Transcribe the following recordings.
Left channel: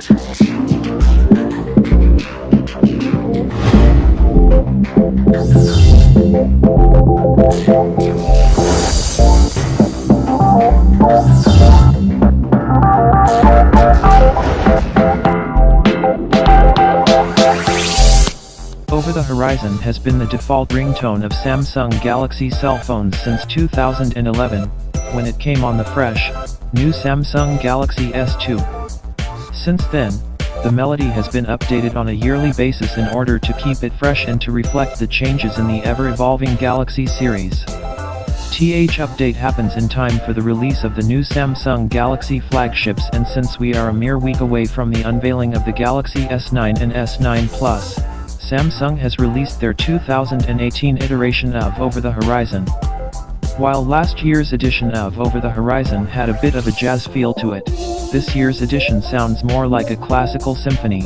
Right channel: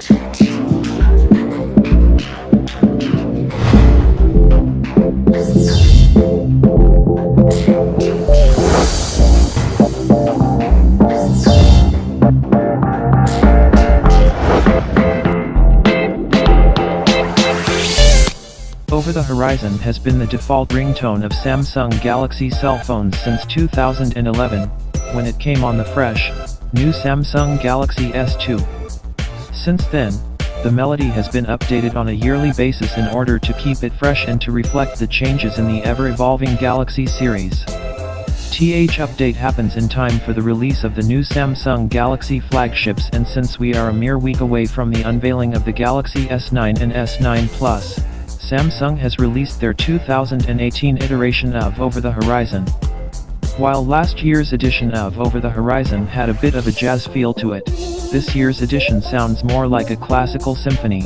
Over the Horizon has been the default ringtone of Samsung Galaxy cell phones since 2011, when it came on the fresh, new Samsung Galaxy S2. Since then, the melody has been updated on a yearly basis in order to keep it fresh and to reflect the changes in the ever-evolving Galaxy series. TH update happens in time for the release of the new Samsung Galaxy flagships, and since we are a mere week away from the unveiling of the Galaxy S9 and S9 Plus, Samsung has released their 2018 iteration of Over the Horizon. While last year's edition of Over the Horizon had a bit of a jazz feel to it, this year's edition sounds more like a classical symphony.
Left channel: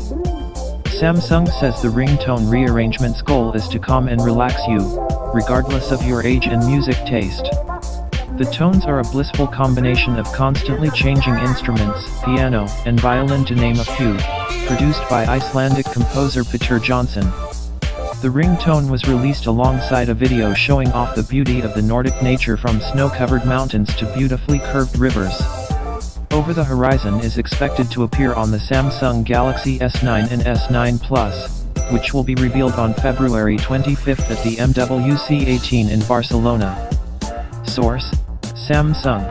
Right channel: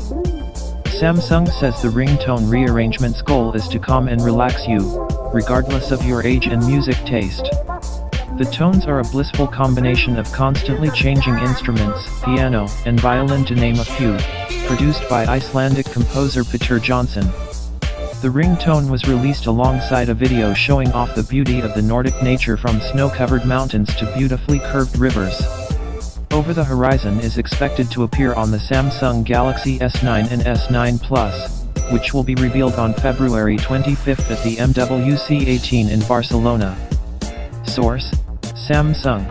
Samsung says the ringtone rearrangement's goal is to calm and relax you, regardless of your age and music taste. The tones are a blissful combination of constantly changing instruments, piano, and violin to name a few, produced by Icelandic composer Peter Johnson. The ringtone was released alongside a video showing off the beauty of the Nordic nature, from snow-covered mountains to beautifully curved rivers. Over the Horizon is expected to appear on the Samsung Galaxy S9 and S9 Plus, which will be revealed on February 25 at the MWC 18 in Barcelona. Source: Samsung.